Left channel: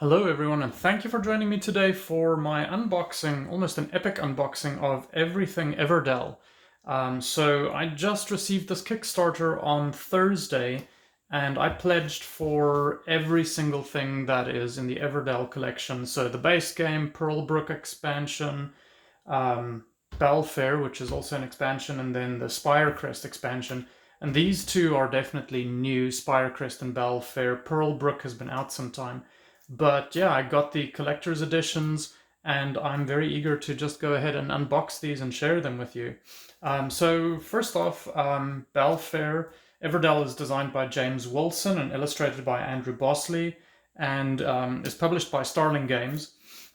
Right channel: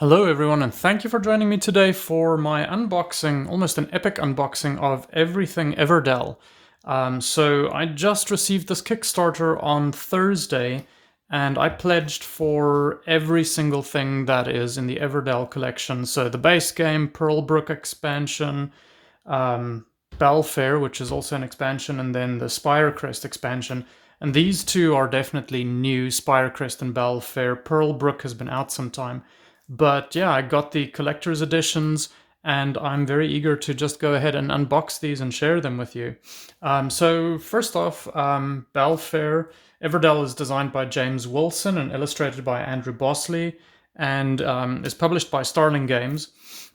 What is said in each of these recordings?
Hello everyone, and thank you for joining me today for my unboxing, almost an epic unboxing of everything Everdell. So I just received this Kickstarter on Thursday, and I pledged for every single thing that is in the Everdell collection. So the base game, Pearlbrook expansion, Bellfaire, which is also an expansion, and then the Spirecrest expansion. And these two are definitely new, Spirecrest and Bellfaire. Pearlbrook has been out some time. But yeah, I got the collector's editions, and I'm very eager to just go ahead and unbox these and share them with you. So first off, Bellfaire. Everdell is designed by James Wilson and illustrated by Andrew Bosley, and is published by Starling Games.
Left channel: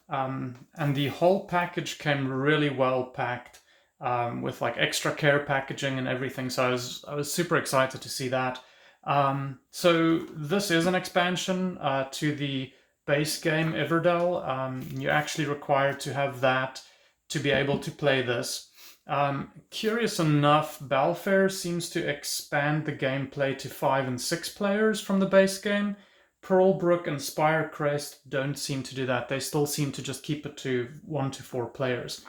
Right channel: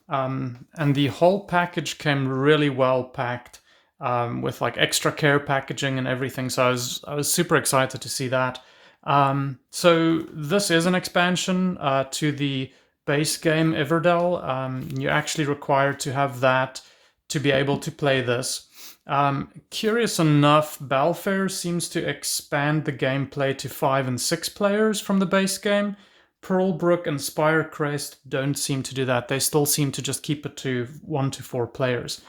And the whole package came really well packed, with like extra care packaging and everything. So I was super excited to see that. So this is an expansion to the base game Everdell. You're actually required to have that to be able to play this. Curious enough, Bellfaire seems to expand the gameplay to 5 and 6 players from the base game. Pearlbrook and Spirecrest don't seem to do that. They still seem to just keep it to 1 to 4 players.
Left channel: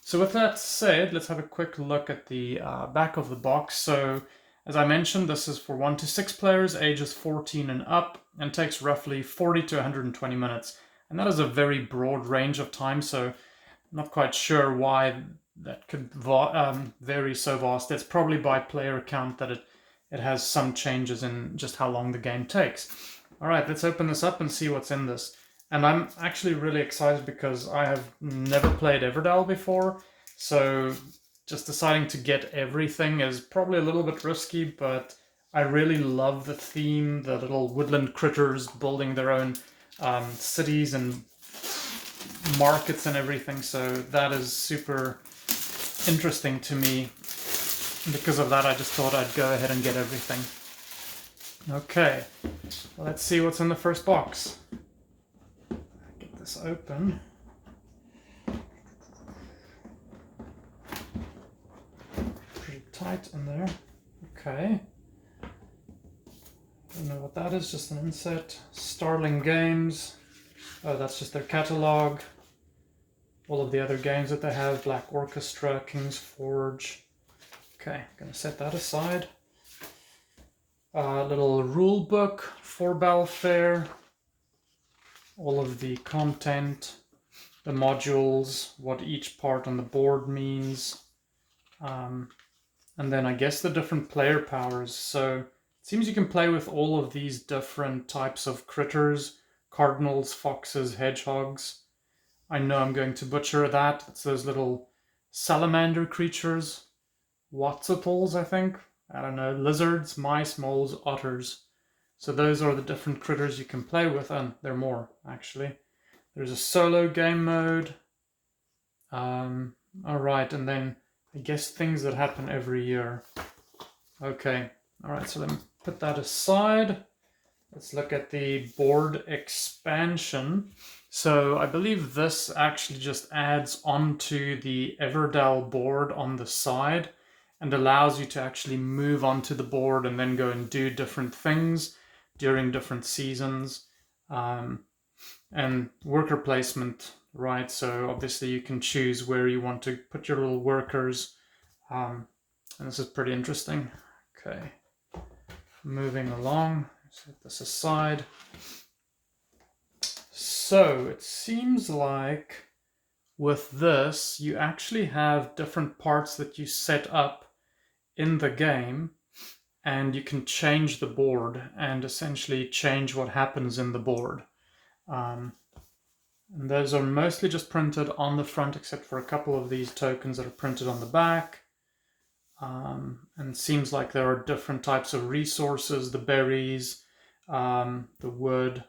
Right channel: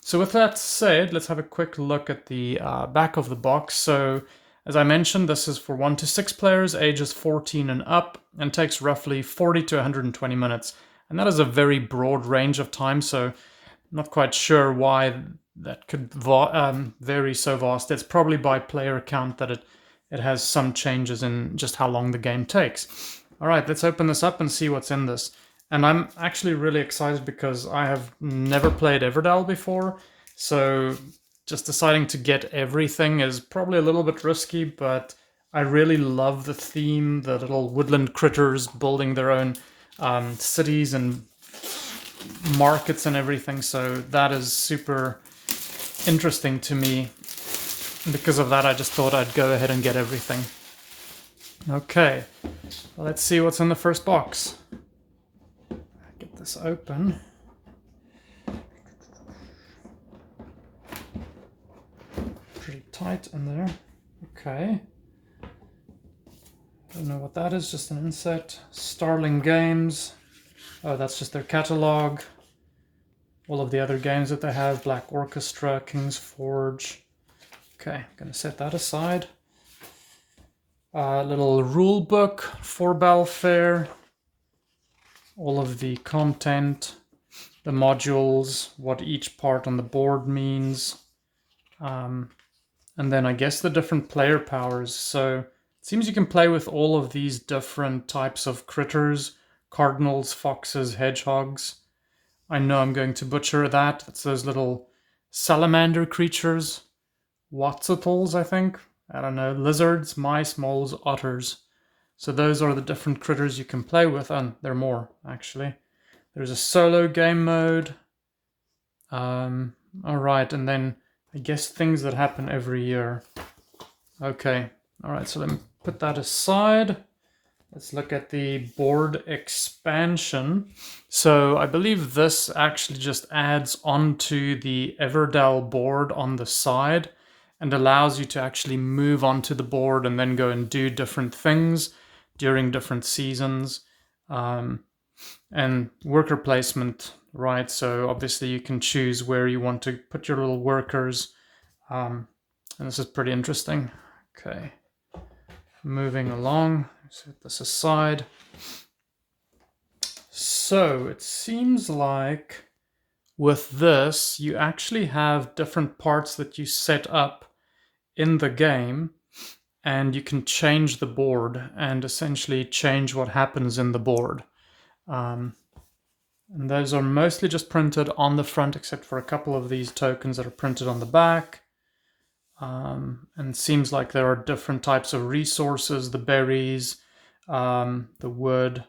So with that said, let's have a quick look at the back of the box. So as I mentioned, this is for 1 to 6 players, ages 14 and up, and takes roughly 40 to 120 minutes. And that is a very broad range of time, so I'm not quite sure why that could vary so vast. It's probably by player count that it has some changes in just how long the game takes. All right, let's open this up and see what's in this. And I'm actually really excited because I have never played Everdell before, so just deciding to get everything is probably a little bit risky, but I really love the theme, the little woodland critters building their own cities and markets and everything, so that is super interesting to me. Because of that, I just thought I'd go ahead and get everything. Okay, let's see what's in the first box. Get this open. Tight in there. Okay. Don't know what that is, just an insert. Starling Games. Oh, that's just their catalog. All of the other games that they have. Black Orchestra, King's Forge. Okay, gonna set that aside. Little rule book for Bellfaire. All of the content, the modules, what each part on the board means. And then I guess the different player powers. So it seems you can play with all of these different types of critters. Cardinals, foxes, hedgehogs. I know I'm going to butcher that. It's those little salamander creatures. Watsitals, I think. I don't know. Lizards, mice, moles, otters. So those are the different critters you can play with. And there are more, actually. There's a solo game mode. Alright, and then I guess things that happen every year. Okay, all right, so let me put that aside. Let's look at the board expansion. So I believe this actually just adds onto the Everdell board on the side and allows you to actually move onto the board and then go and do different things during different seasons. And worker placement, right? So obviously you can choose where you want to put your little workers. And this is pretty interesting. Okay, moving along, set this aside. So it seems like with this, you actually have different parts that you set up in the game, and you can change the board and essentially change what happens in the board. And those are mostly just printed on the front, except for a couple of these tokens that are printed on the back. And it seems like there are different types of resources, the berries, the wood.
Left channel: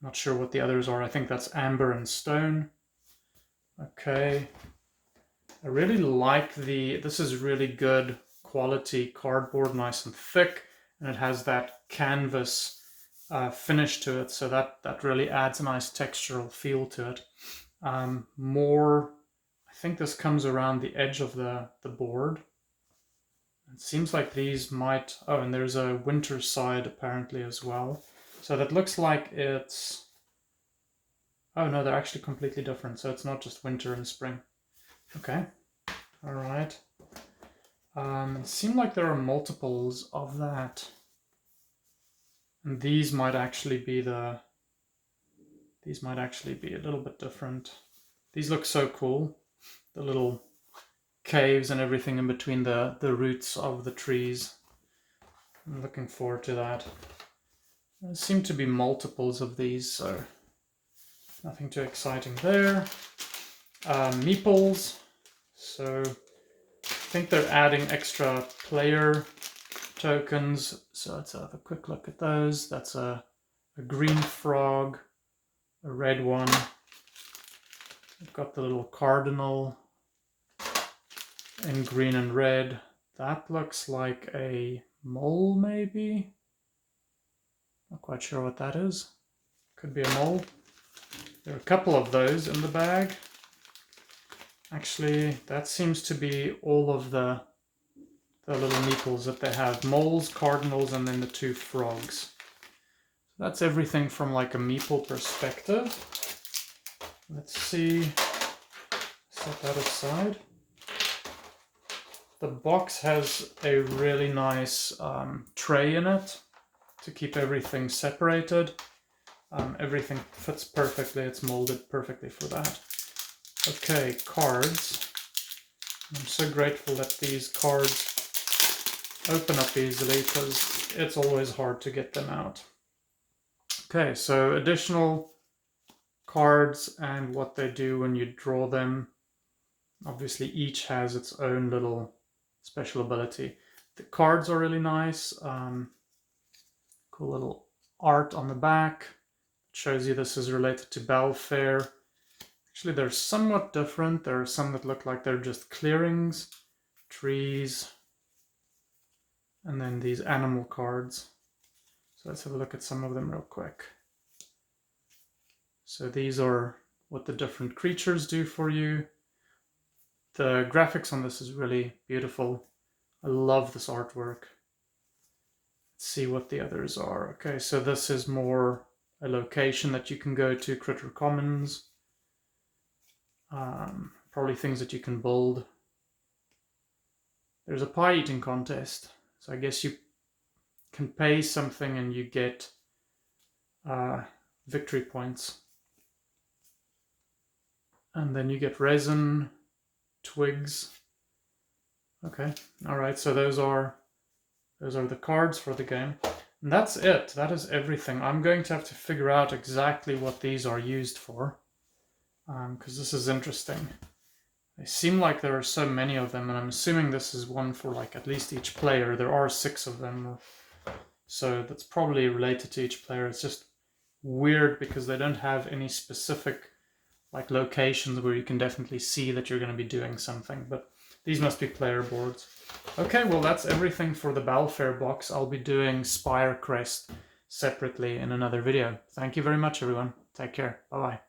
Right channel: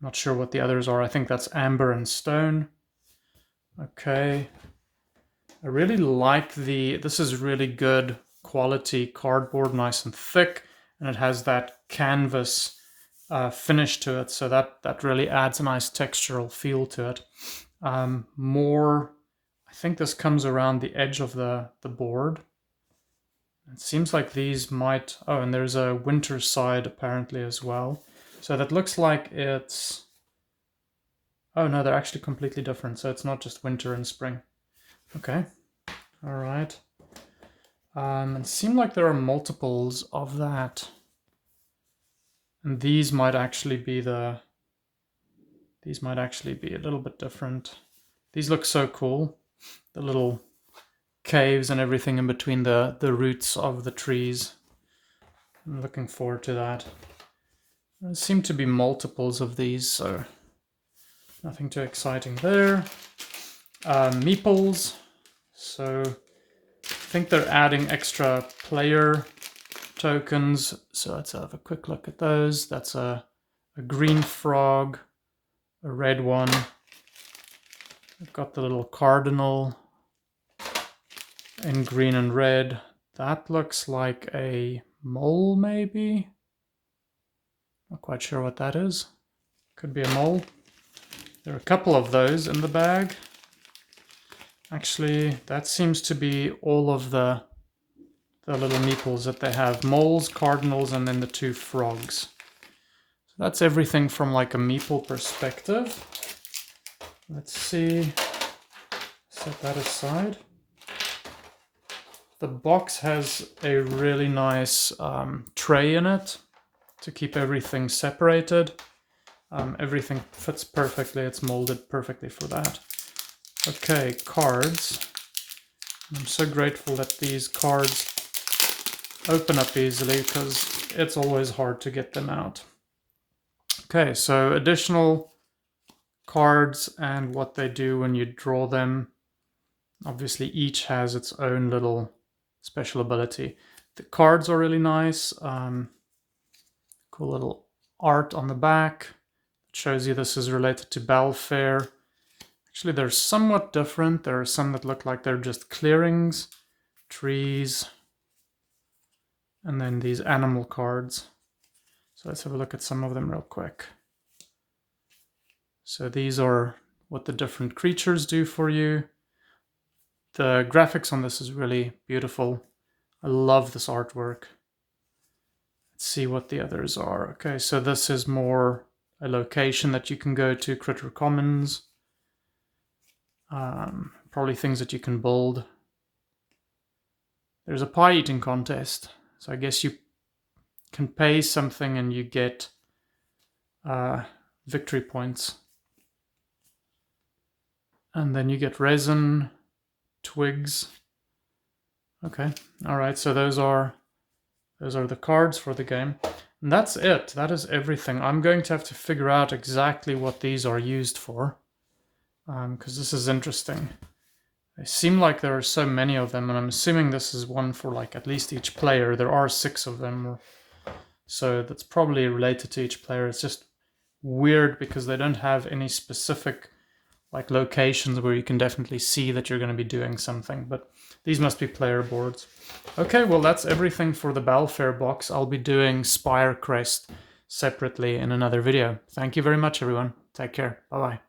Not sure what the others are. I think that's amber and stone. Okay. I really like this is really good quality cardboard, nice and thick, and it has that canvas finish to it, so that really adds a nice textural feel to it. I think this comes around the edge of the board. It seems like these might... Oh, and there's a winter side apparently as well. So that looks like it's Oh no, they're actually completely different. So it's not just winter and spring. Okay. All right. It seemed like there are multiples of that. And these might actually be a little bit different. These look so cool. The little caves and everything in between the roots of the trees. I'm looking forward to that. There seem to be multiples of these, so nothing too exciting there. Meeples. So I think they're adding extra player tokens. So let's have a quick look at those. That's a green frog, a red one. We've got the little cardinal in green and red. That looks like a mole, maybe? Not quite sure what that is. Could be a mole. There are a couple of those in the bag. Actually, that seems to be all of the little meeples that they have. Moles, cardinals, and then the 2 frogs. So that's everything from like a meeple perspective. Let's see. Set that aside. The box has a really nice tray in it to keep everything separated. Everything fits perfectly. It's molded perfectly for that. Okay, cards. I'm so grateful that these cards open up easily because it's always hard to get them out. Okay, so additional cards and what they do when you draw them. Obviously, each has its own little special ability. The cards are really nice. Cool little art on the back. It shows you this is related to Bellfaire. Actually, they're somewhat different. There are some that look like they're just clearings, trees, and then these animal cards. So let's have a look at some of them real quick. So these are what the different creatures do for you. The graphics on this is really beautiful. I love this artwork. Let's see what the others are. Okay, so this is more a location that you can go to, Critter Commons. Probably things that you can build. There's a pie eating contest. So I guess you can pay something and you get victory points. And then you get resin, twigs. Okay, all right, so those are the cards for the game. And that's it. That is everything. I'm going to have to figure out exactly what these are used for. Because this is interesting. They seem like there are so many of them, and I'm assuming this is one for like at least each player. There are 6 of them, so that's probably related to each player. It's just weird because they don't have any specific like locations where you can definitely see that you're going to be doing something, but these must be player boards. Okay, well that's everything for the Bellfaire box. I'll be doing Spire Crest separately in another video. Thank you very much, everyone. Take care. Bye-bye.